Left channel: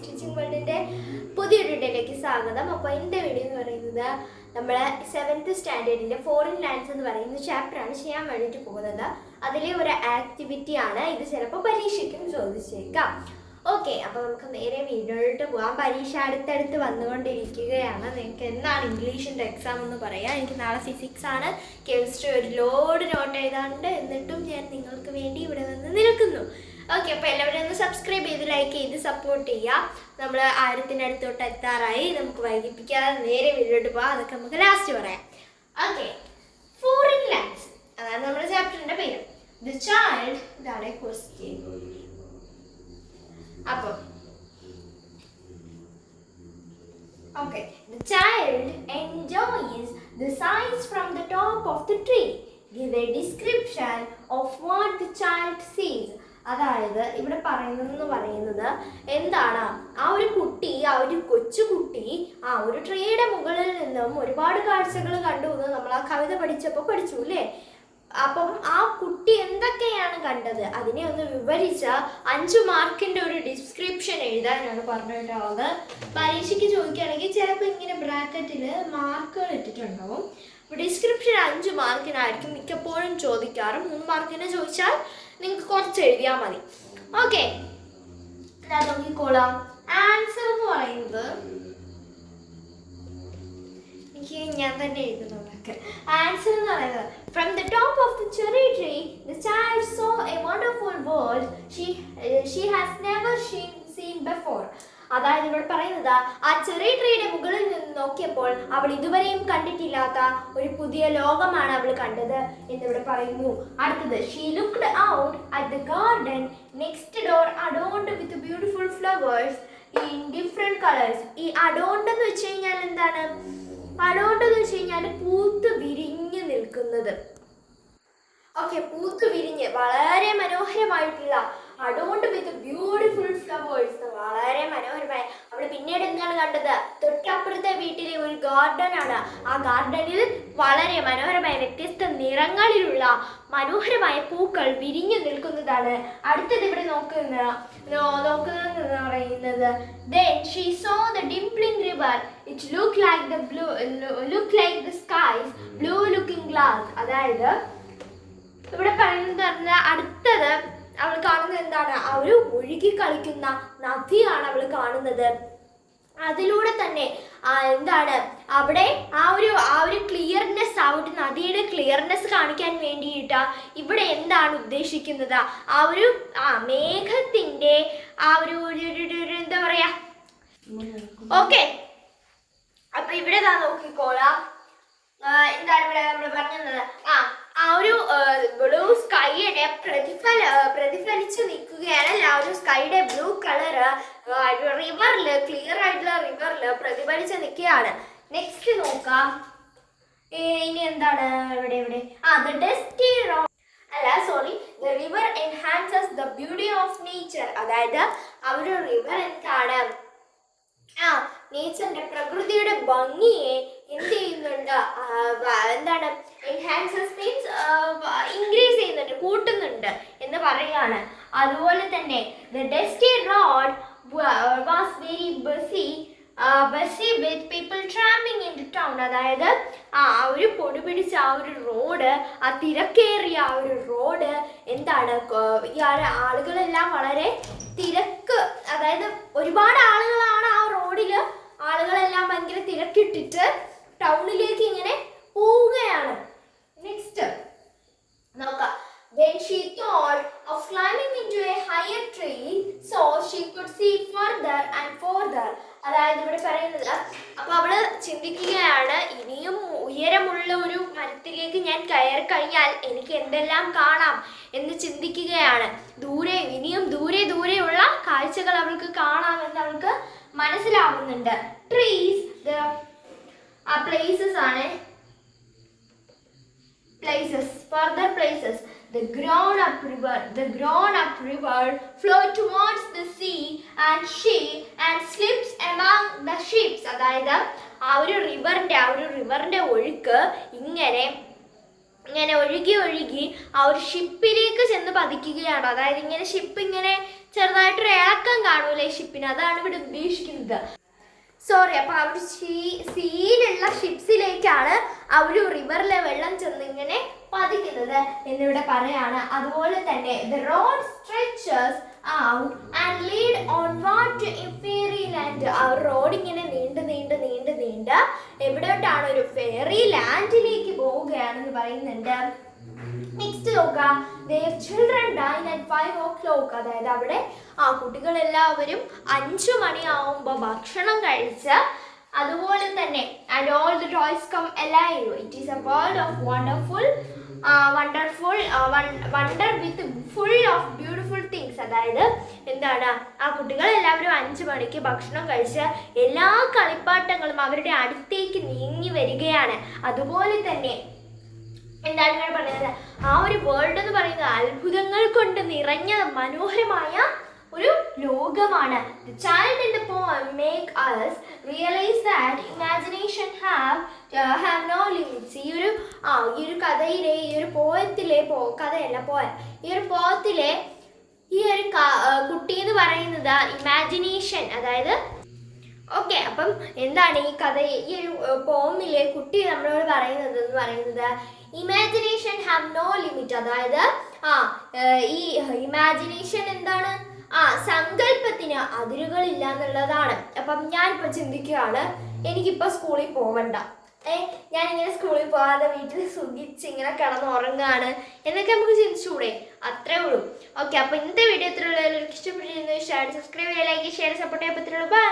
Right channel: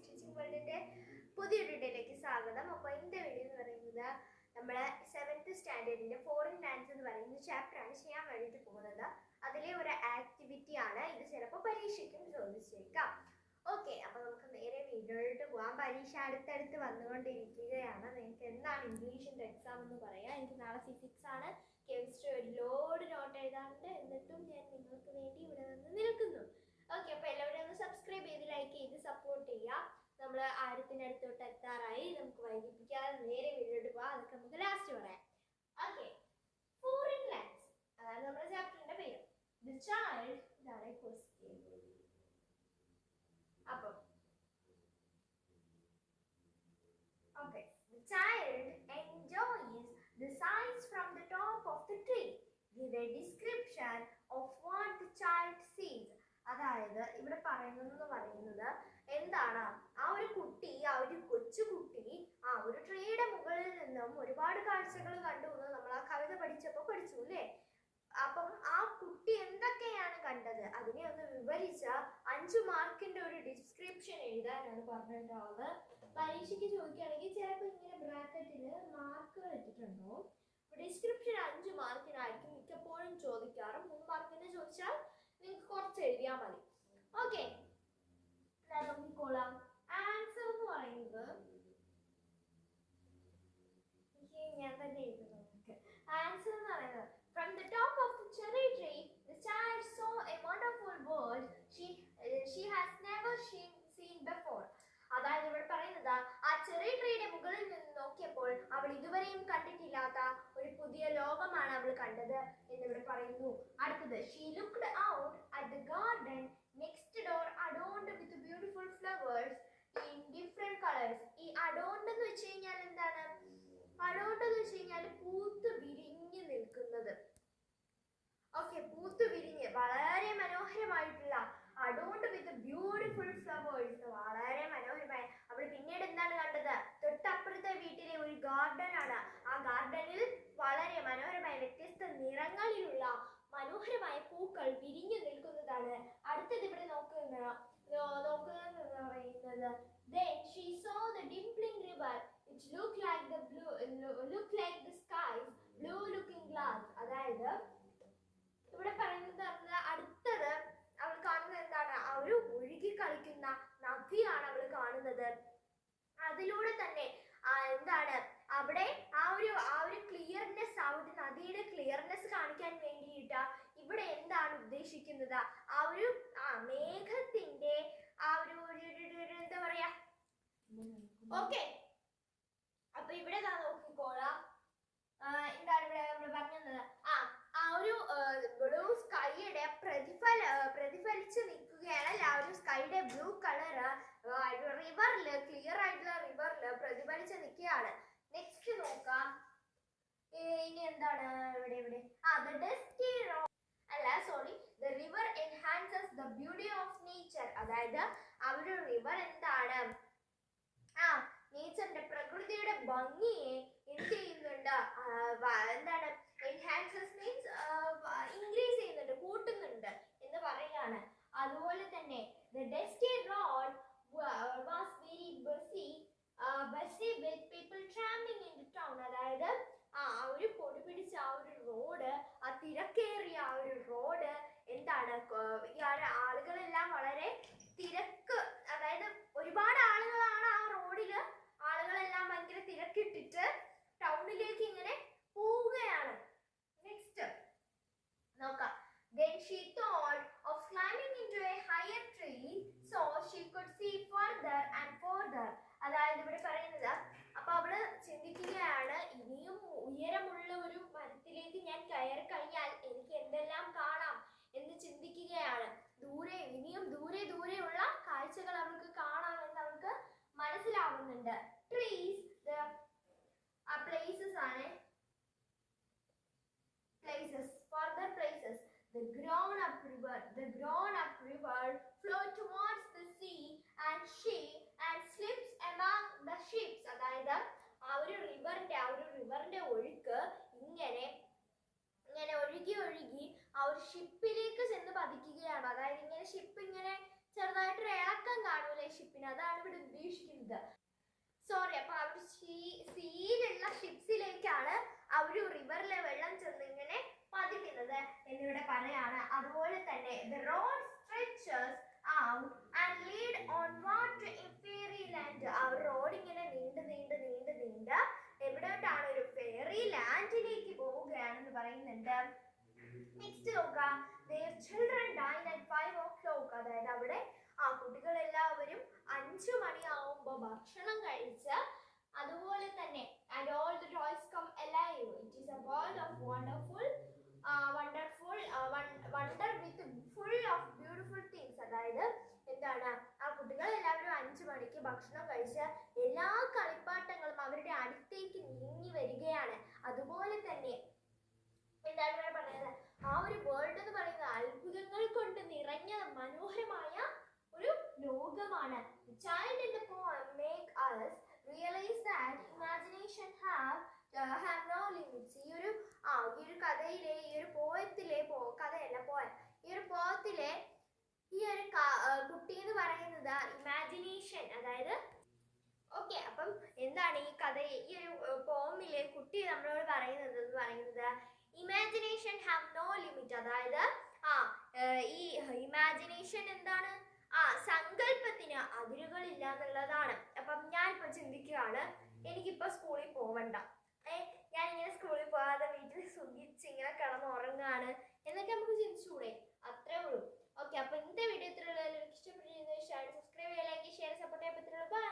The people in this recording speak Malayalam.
സ്റ്റിച്ചിങ് വേൾഡിൻ്റെ പുതിയൊരു വീഡിയോയിലേക്ക് സ്വാഗതം. അപ്പോൾ ഇന്നത്തെ വീഡിയോ എന്ന് പറയുന്നത് നമ്മൾ 7th സ്റ്റാൻഡേർഡിൻ്റെ ഫോറിൻ ലാൻഡ്സ് എന്ന് പറയുന്ന ചാപ്റ്ററാണ് ചെയ്യാൻ വേണ്ടിയിട്ട് പോകുന്നത്. അതിലെ ഒരു ആക്ടിവിറ്റിയാണ് ഇത്. ചിലപ്പോൾ പരീക്ഷയ്ക്കും ചോദിച്ചേക്കാം. ഓക്കെ, അപ്പോൾ നമുക്ക് നേരെ വീഡിയോയിലോട്ട് പോകാം. പരീക്ഷ അടുത്തടുത്ത് വന്നുകൊണ്ടിരിക്കുകയാണ്. നിങ്ങൾക്ക് എന്നാണ് ഇംഗ്ലീഷിൻ്റെ എക്സാം എന്ന് പറയാം. എനിക്ക് നാളെ ഫിസിക്സ് ആണ്, കെമിസ്ട്രി ഒരു ലോഡ് നോട്ട് എഴുതാറുണ്ട്. എന്നിട്ടും ഞാൻ നിങ്ങൾക്ക് വേണ്ടി ഇവിടെ വന്ന് നിൽക്കുന്നു. ഓക്കെ, അപ്പോൾ എല്ലാവരും ഒന്ന് സബ്സ്ക്രൈബ് ചെയ്ത് ലൈക്ക് ചെയ്ത് സപ്പോർട്ട് ചെയ്യുക. നമ്മൾ 1000-അടുത്തോട്ട് എത്താറായി. നമുക്ക് വൈകിപ്പിക്കാതെ നേരെ വീഡിയോട്ട് പോകാം. അതൊക്കെ നമുക്ക് ലാസ്റ്റ് പറയാം. ഓക്കെ, ഫോറിൻ ലാൻഡ്സ് അതാണ് നമ്മുടെ ചാപ്റ്ററിൻ്റെ പേര്. ദി ചൈൽഡ്, ഇതാണ് ക്വസ്റ്റ്യൻ. അപ്പോൾ okay, the child enjoys the sights from the top of the tree. Give a description of what the child sees. അതായത് ഇവിടെ പറയുന്നത് എന്താണ്, ആ ഒരു കുട്ടി, ആ ഒരു കൊച്ചുകുട്ടി ആ ഒരു ട്രീയുടെ മുകളിൽ നിന്നും ഒരുപാട് കാഴ്ചകൾ കണ്ടു എന്ന് നമ്മൾ ആ കവിത പഠിച്ചപ്പോൾ പഠിച്ചു അല്ലേ. അപ്പം ആ കുട്ടി എന്തൊക്കെയാണ് കണ്ടത് അതിനെ ഒന്ന് വിവരിച്ച 5 മാർക്കിന്റെ ഒരു ഡിസ്ക്രിപ്ഷൻ എഴുതാനാണ് പറഞ്ഞിട്ടുള്ളത്. പരീക്ഷയ്ക്ക് ചോദിക്കുകയാണെങ്കിൽ ചിലപ്പോൾ ഇങ്ങനെ ബ്രാക്കറ്റിൽ മാർക്കുകൾ ഇട്ടിട്ടുണ്ടാവും. ഡിസ്ക്രിപ്ഷൻ 5 മാർക്കിനായിരിക്കും മിക്കപ്പോഴും ചോദിക്കാറ്. 3 മാർക്കിന് ചോദിച്ചാൽ നിങ്ങൾക്ക് കുറച്ച് എഴുതിയാൽ മതി. ഓക്കെ, ഞാൻ നോക്കിക്കോളാം. ആൻസർ എന്ന് പറയുന്നത് എനിക്ക് ഞാൻ തന്നെ എഴുതുന്നത്. ആൻസർ എന്ന് പറയുന്നത് from the top of the cherry tree the child saw a wonderful world she has never seen before. അതായത് ഇവിടെ പറയുന്നത് ആ ചെറിയ ട്രീയുടെ മുകളിൽ നിന്ന് നോക്കിയപ്പോൾ അവൾ ഇതുവരെയും കണ്ടിട്ടില്ലാത്ത ഒരു പുതിയ ലോകമാണ് അവൾ കണ്ടത് എന്നിവിടെ പറയുന്നു. അടുത്തത് she looked out at the garden next door adorned with beautiful flowers in different colors. ഈ adorned എന്ന് വെച്ച് കഴിഞ്ഞാൽ എന്താണ്? adorned എന്ന് വെച്ച് കഴിഞ്ഞാൽ പൂത്ത് വിരിഞ്ഞ് നിൽക്കുന്നത്. ഓക്കെ, പൂത്ത് വിരിഞ്ഞ് വളരെ മനോഹരമായിട്ടുള്ള adorned with beautiful flowers, വളരെ മനോഹരമായ. നമ്മൾ പിന്നീട് എന്താണ് കണ്ടത്? തൊട്ടപ്പുറത്തെ വീട്ടിലെ ഒരു ഗാർഡൻ ആണ്. ആ ഗാർഡനിൽ വളരെ മനോഹരമായ വ്യത്യസ്ത നിറങ്ങളിലുള്ള മനോഹരമായ പൂക്കൾ വിരിഞ്ഞു നിൽക്കുന്നതാണ്. അടുത്തത് ഇവിടെ നോക്കുന്നതെന്ന് പറയുന്നത് then she saw the dimpling river it looked like the skies blue looking glass. അതായത് ഇവിടെ പറയുന്നത് അടുത്തത് അവൾ കാണുന്നത് എന്താണ്? ആ ഒരു ഒഴുകി കളിക്കുന്ന നദിയാണ് അവൾ കാണുന്നത്. അതിലൂടെ തന്നെ എന്താണ് അവിടെ ആ ഒരു ക്ലിയർനെസ്, ആ ഒരു നദിയുടെ ക്ലിയർനെസ് കാണിക്കാൻ വേണ്ടിയിട്ട് ഇവിടെ എന്താണ് ഉദ്ദേശിക്കുന്നത്? മേഘത്തിന്റെ ആ ഒരു എന്താ പറയാ. ഓക്കെ, അപ്പൊ ഇവിടെ നോക്കിക്കോളാം. എന്താണ് ഇവിടെ നമ്മൾ പറഞ്ഞത്? ആ ഒരു ബ്ലൂ സ്കൈയുടെ പ്രതിഫലിച്ച് നിൽക്കുകയാണ്. ആ ഒരു സ്കൈയുടെ ബ്ലൂ കളറ് റിവറിൽ, ക്ലിയർ ആയിട്ടുള്ള റിവറിൽ പ്രതിഫലിച്ച് നിൽക്കുകയാണ്. നെക്സ്റ്റ് നോക്കാം. ഇനി എന്താണ് ഇവിടെ the dusty road the river enhances the beauty of nature. അതായത് ആ ഒരു റിവർ എന്താണ് നേച്ചറിന്റെ, പ്രകൃതിയുടെ ഭംഗിയെ എന്ത് ചെയ്യുന്നുണ്ട്? എന്താണ് എൻഹാൻസസ് മീൻസ് ഇൻക്രീസ് ചെയ്യുന്നുണ്ട്, കൂട്ടുന്നുണ്ട് എന്ന് പറയുകയാണ്. അതുപോലെ തന്നെ the dusty road was very busy with people tramping into town. അതായത് ആ ഒരു പൊടി പിടിച്ച ആ ഒരു റോഡ്, ആ തിരക്കേറിയ ആ ഒരു റോഡ് എന്താണ്, ആളുകളെല്ലാം വളരെ തിരക്ക്, അതായത് ഒരുപാട് ആളുകളാണ് ആ റോഡിൽ. ആളുകളെല്ലാം ഭയങ്കര തിരക്കിട്ടിട്ട് ടൗണിലേക്ക് ഇങ്ങനെ പോവുകയാണ്. നെക്സ്റ്റ് നോക്കാം. Then she thought of climbing into a higher tree so she could see further and further. അതായത് ഇവിടെ പറയുന്നത്, അപ്പൊ അവള് ചിന്തിക്കുകയാണ്, ഇനിയും ഉയരമുള്ള ഒരു മരത്തിലേക്ക് ഞാൻ കയറി കഴിഞ്ഞാൽ എനിക്ക് എന്തെല്ലാം കാണാം എന്ന് ചിന്തിക്കുകയാണ്. ഇനിയും ദൂരെയുള്ള കാഴ്ചകൾ അവൾക്ക് കാണാമെന്ന് അവൾക്ക് മനസ്സിലാവുന്നുണ്ട്. ട്രീസ് പ്ലേസസ് ആണ്, further places. The grown up river flowed towards the sea and slips among the ships. അതായത് ആ ഒരു റിവറിന്റെ ഒഴുക്ക് ഇങ്ങനെ ഒഴുകി ആ ഒരു ഷിപ്പിലേക്ക് ചെന്ന് പതിക്കുകയാണ്. അതായത് ഇങ്ങനെ ഷിപ്പ് ഇങ്ങനെ ചെറുതായിട്ടൊരു ഇളക്കം കാണൂലേ ഷിപ്പിന്, അതാണ് ഇവിടെ ഉദ്ദേശിക്കുന്നത്. സോറി, അപ്പൊ ആ ഒരു സീയിലുള്ള ഷിപ്സിലേക്കാണ് ആ ഒരു റിവറിലെ വെള്ളം ചെന്ന് ഇങ്ങനെ പതിക്കുന്നത് എന്നിവിടെ പറയാണ്. അതുപോലെ തന്നെ the road stretches out and lead onward to fairy land. ആ റോഡ് ഇങ്ങനെ നീണ്ട് നീണ്ട് നീണ്ട് നീണ്ട് എവിടോട്ടാണ്, ഒരു ഫെയറി ലാൻഡിലേക്ക് പോവുകയാണെന്ന് പറയുന്നുണ്ട്. നെക്സ്റ്റ് നോക്കാം, their children dine at 5 o'clock. അതായത് അവിടെ ആ കുട്ടികളെല്ലാവരും 5 മണിയാവുമ്പോൾ ഭക്ഷണം കഴിച്ച്, അതുപോലെ തന്നെ and all the toys come alive. It is a world of wonderful wonder with full of beautiful things. അതായത് എന്താണ്, ആ കുട്ടികൾ എല്ലാവരും 5 മണിക്ക് ഭക്ഷണം കഴിച്ച് എല്ലാ കളിപ്പാട്ടങ്ങളും അവരുടെ അടുത്തേക്ക് നീങ്ങി വരികയാണ്. അതുപോലെ തന്നെ എന്താണ് ഇവിടെ പറയുന്നത്, ആ ഒരു വേൾഡ് എന്ന് പറയുന്നത് അത്ഭുതങ്ങൾ കൊണ്ട് നിറഞ്ഞ മനോഹരമായ ഒരു ലോകമാണ്. The child in the poem make us realize that imagination have no limits. ഈ ഒരു കഥയിലെ, ഈ ഒരു പോയത്തിലെ, കഥയല്ല പോയം, ഈ ഒരു പോയത്തിലെ ഈ ഒരു കുട്ടി എന്ന് പറയുന്നത് ഇമാജിനേഷൻ, അതായത് ഓക്കെ. അപ്പം എന്താണ് ഈ കഥ, ഈ ഒരു പോമിലെ കുട്ടി നമ്മളോട് പറയുന്നത് ഇമാജിനേഷൻ ഹാവ് നോ ലിമിറ്റ്. അതായത് ഈ ഇമാജിനേഷൻ എന്താണ്, സങ്കല്പത്തിന് അതിരുകളില്ല എന്നുള്ളതാണ്. അപ്പം ഞാനിപ്പോൾ ചിന്തിക്കുകയാണ്, എനിക്കിപ്പോൾ സ്കൂളിൽ പോവണ്ട, ഞാനിങ്ങനെ സ്കൂളിൽ പോകാതെ വീട്ടിൽ സുഖിച്ച് ഇങ്ങനെ കിടന്നുറങ്ങുകയാണ് എന്നൊക്കെ നമുക്ക് ചിന്തിച്ചുകൂടെ? അത്രേ ഉള്ളൂ. ഓക്കെ, അപ്പോൾ ഇന്നത്തെ വീഡിയോ ഇത്രയുള്ള ഇഷ്ടപ്പെട്ടിരുന്നു, സബ്സ്ക്രൈബ് ചെയ്യുക, ലൈക്ക്, ഷെയർ, സപ്പോർട്ട് ചെയ്യാൻ പറ്റുള്ളൂ. ബൈ.